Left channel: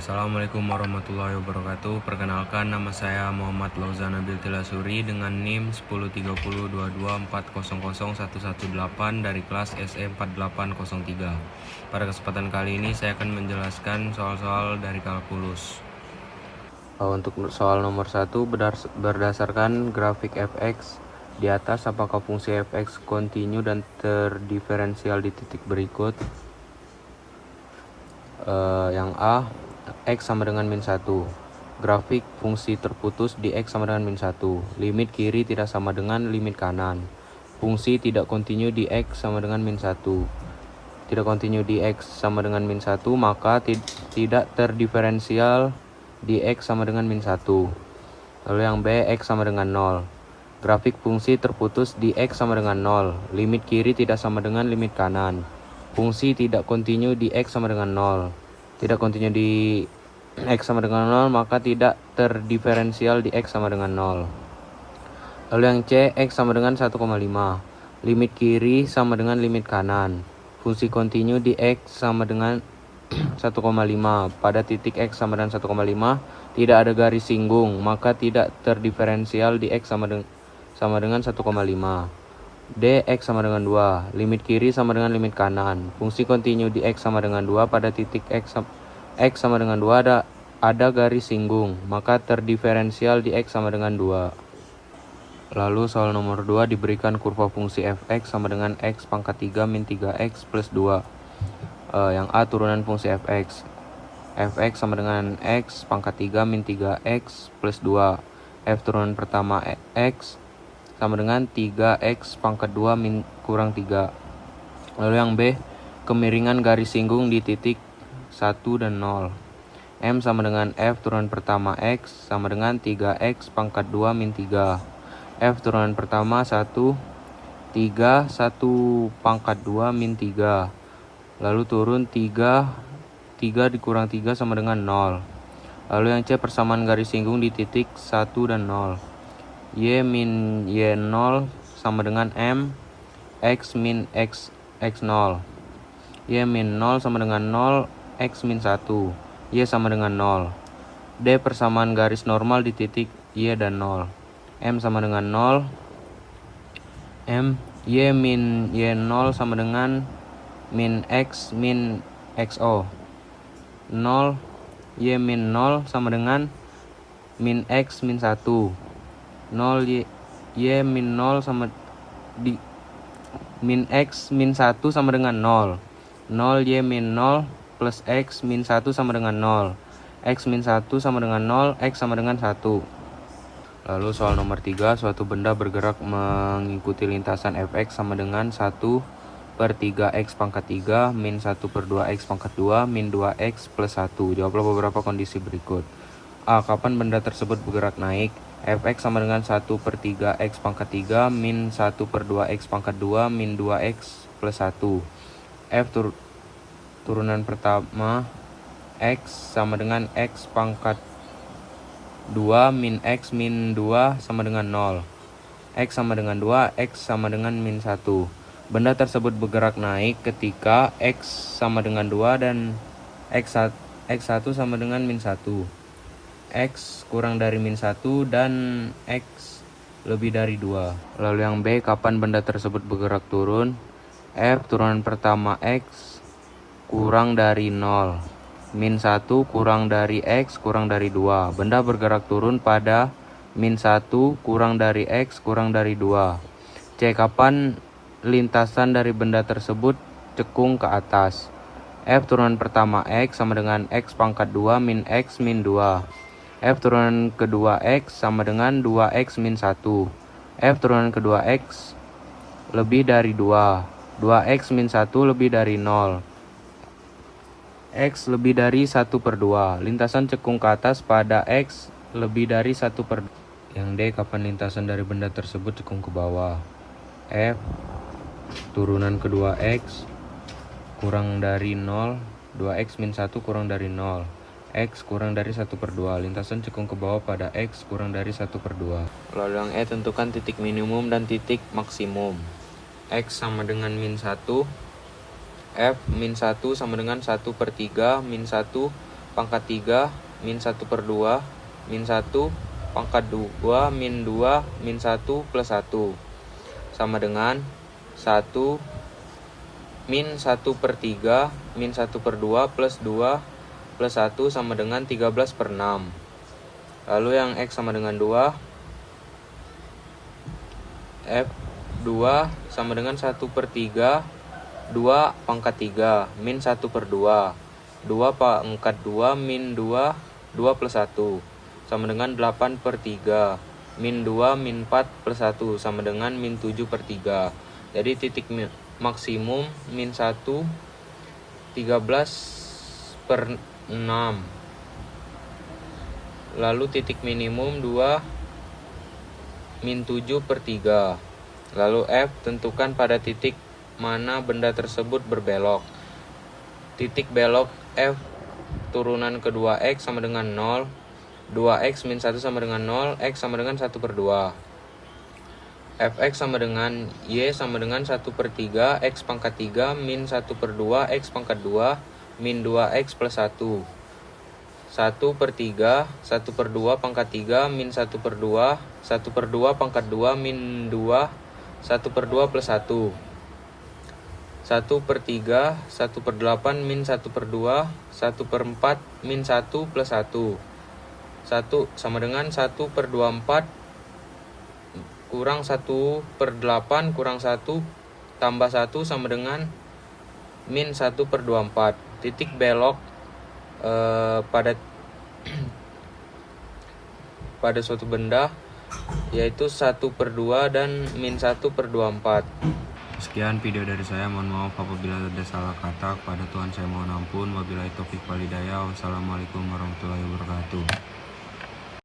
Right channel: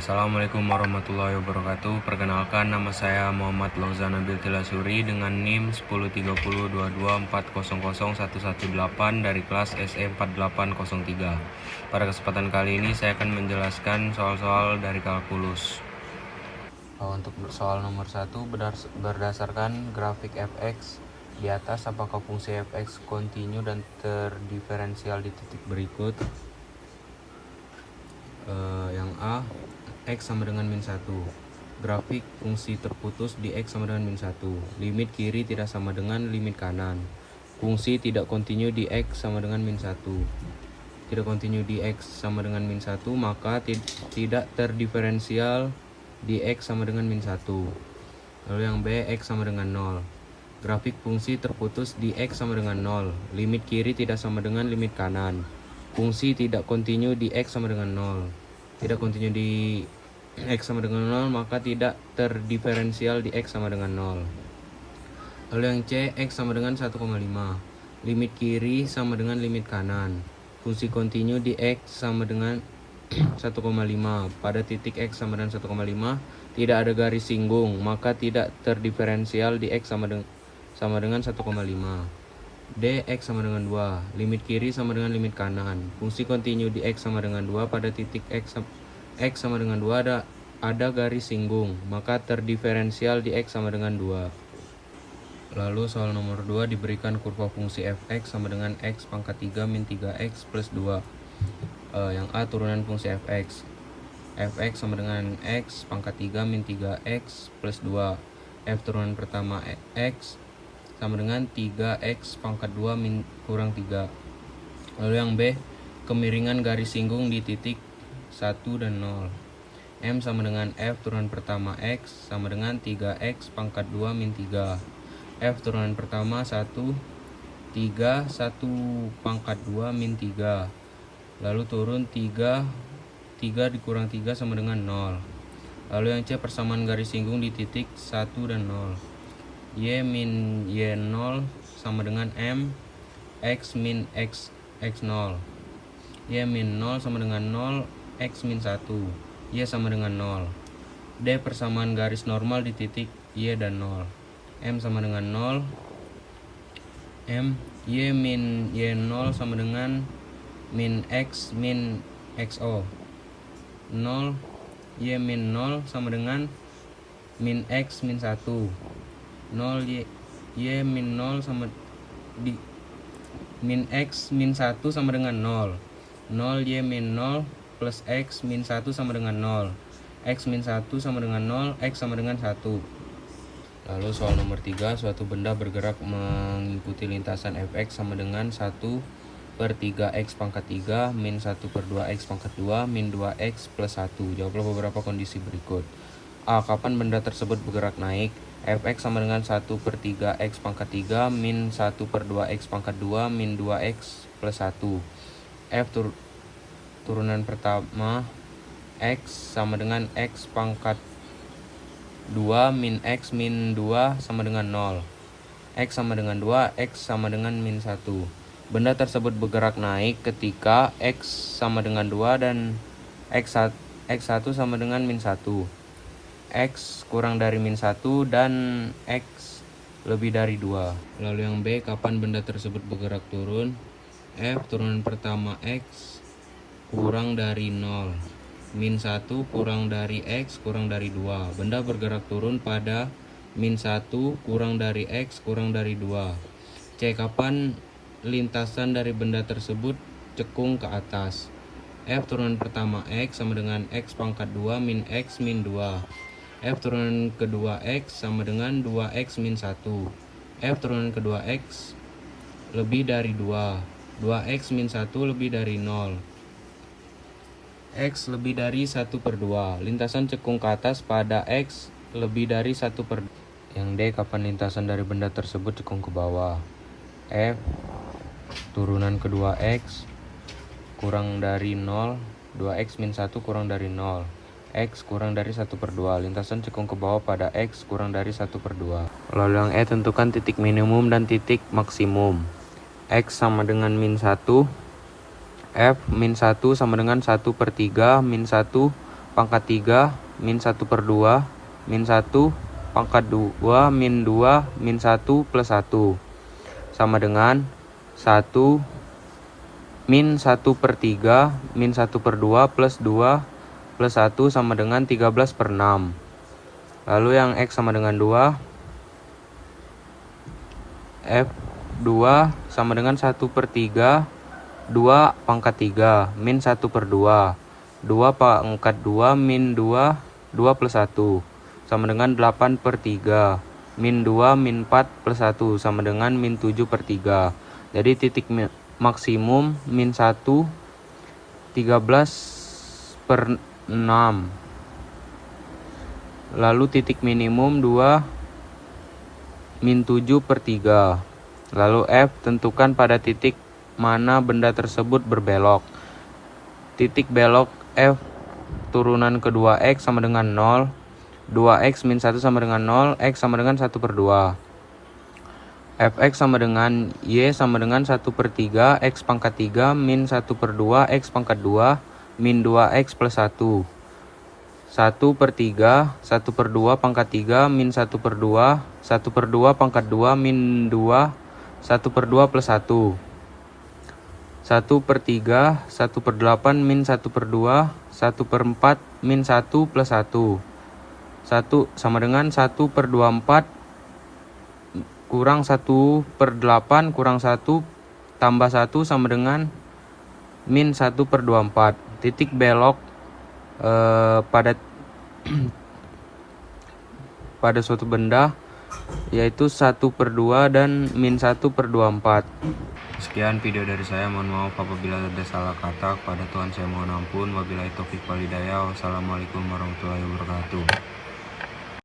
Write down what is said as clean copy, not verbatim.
Assalamualaikum warahmatullahi wabarakatuh. Perkenalkan, nama saya Muhammad Lauzan Nabil Tilasuri dengan NIM 103022400118 dari kelas SE 4803. Pada kesempatan kali ini saya akan menjelaskan soal-soal dari kalkulus. Untuk soal nomor 1, berdasarkan grafik fx di atas, apakah fungsi fx kontinu dan terdiferensial di titik berikut? Yang A, X sama dengan min 1. Grafik fungsi terputus di X sama dengan min 1. Limit kiri tidak sama dengan limit kanan. Fungsi tidak kontinu di X sama dengan min 1. Tidak kontinu di X sama dengan min 1, maka tidak terdiferensial di X sama dengan min 1. Lalu yang B, X sama dengan 0. Grafik fungsi terputus di X sama dengan 0. Limit kiri tidak sama dengan limit kanan. Fungsi tidak kontinu di X sama dengan 0. Tidak kontinu di X sama dengan 0, maka tidak terdiferensial di X sama dengan 0. Lalu yang C, X sama dengan 1,5. Limit kiri sama dengan limit kanan. Fungsi kontinu di X sama dengan 1,5. Pada titik X sama dengan 1,5 tidak ada garis singgung, maka tidak terdiferensial di X sama dengan 1,5. D, X sama dengan 2. Limit kiri sama dengan limit kanan. Fungsi kontinu di X sama dengan 2. Pada titik X sama dengan 2 ada garis singgung, maka terdiferensial di X sama dengan 2. Lalu soal nomor 2, diberikan kurva fungsi fx sama dengan x pangkat 3 min 3x plus 2. Yang A, turunan fungsi fx. Fx sama dengan x pangkat 3 min 3x plus 2. F turunan pertama x sama dengan 3x pangkat 2 min kurang 3. Lalu yang B, kemiringan garis singgung di titik 1 dan 0. M sama dengan F turunan pertama X sama dengan 3x pangkat 2 min 3. F turunan pertama 1, 3, 1 pangkat 2 min 3. Lalu turun 3 dikurang 3 sama dengan 0. Lalu yang C, persamaan garis singgung di titik 1 dan 0. Y min Y0 sama dengan M X min X0. Y min 0 sama dengan 0, X min 1. Y sama dengan 0. D, persamaan garis normal di titik Y dan 0. M sama dengan 0. M, Y min Y0 sama dengan min X min XO. 0, Y min 0 sama dengan min X min 1. 0 y min 0 sama di min x min 1 sama dengan 0. 0 y min 0 plus x min 1 sama dengan 0. X min 1 sama dengan 0, x sama dengan 1. Lalu soal nomor 3, suatu benda bergerak mengikuti lintasan fx sama dengan 1/3x pangkat 3 min 1/2x pangkat 2 min 2x plus 1. Jawablah beberapa kondisi berikut. A, kapan benda tersebut bergerak naik? Fx sama dengan 1/3x pangkat 3 min 1/2x pangkat 2 min 2x plus 1. F turunan pertama x sama dengan x pangkat 2 min x min 2 sama dengan 0. X sama dengan 2, x sama dengan min 1. Benda tersebut bergerak naik ketika x sama dengan 2 dan x1 sama dengan min 1. X kurang dari min 1 dan X lebih dari 2. Lalu yang B, kapan benda tersebut bergerak turun? F turunan pertama X kurang dari 0. Min 1 kurang dari X kurang dari 2. Benda bergerak turun pada min 1 kurang dari X kurang dari 2. C, kapan lintasan dari benda tersebut cekung ke atas? F turunan pertama X sama dengan X pangkat 2 min X min 2. F turunan kedua X sama dengan 2X min 1. F turunan kedua X lebih dari 2. 2X min 1 lebih dari 0. X lebih dari 1/2. Lintasan cekung ke atas pada X lebih dari 1/2. Yang D, kapan lintasan dari benda tersebut cekung ke bawah? F turunan kedua X kurang dari 0. 2X min 1 kurang dari 0. X kurang dari 1/2. Lintasan cekung ke bawah pada X kurang dari 1/2. Lalu yang E, tentukan titik minimum dan titik maksimum. X sama dengan min 1. F min 1 sama dengan 1/3 min 1 pangkat 3 min 1/2 min 1 pangkat 2 min 2 min 1 plus 1 sama dengan 1 min 1/3 min 1/2 plus 2 plus 1 sama dengan 13/6. Lalu yang X sama dengan 2, F2 sama dengan 1/3 2 pangkat 3 min 1/2 2 pangkat 2 min 2 2 plus 1 sama dengan 8/3 min 2 min 4 plus 1 sama dengan min 7/3. Jadi titik maksimum min 1 13/6. Lalu titik minimum 2 min 7/3. Lalu F, tentukan pada titik mana benda tersebut berbelok. Titik belok F turunan kedua X sama dengan 0, 2X min 1 sama dengan 0, X sama dengan 1/2. Fx sama dengan Y sama dengan 1/3 X pangkat 3 min 1/2 X pangkat 2 min 2X plus 1. 1/3 1/2 pangkat 3 min 1/2 1/2 pangkat 2 min 2 1/2 plus 1. 1/3 1/8 min 1/2 1/4 min 1 plus 1. 1 sama dengan 1/24 kurang 1/8 kurang 1 tambah 1 sama dengan min 1/24. Titik belok pada suatu benda yaitu 1/2 dan min 1/24. Sekian video dari saya, mohon maaf apabila ada salah kata. Kepada Tuhan saya mohon ampun. Wabillahi taufik wal hidayah. Wassalamualaikum warahmatullahi wabarakatuh.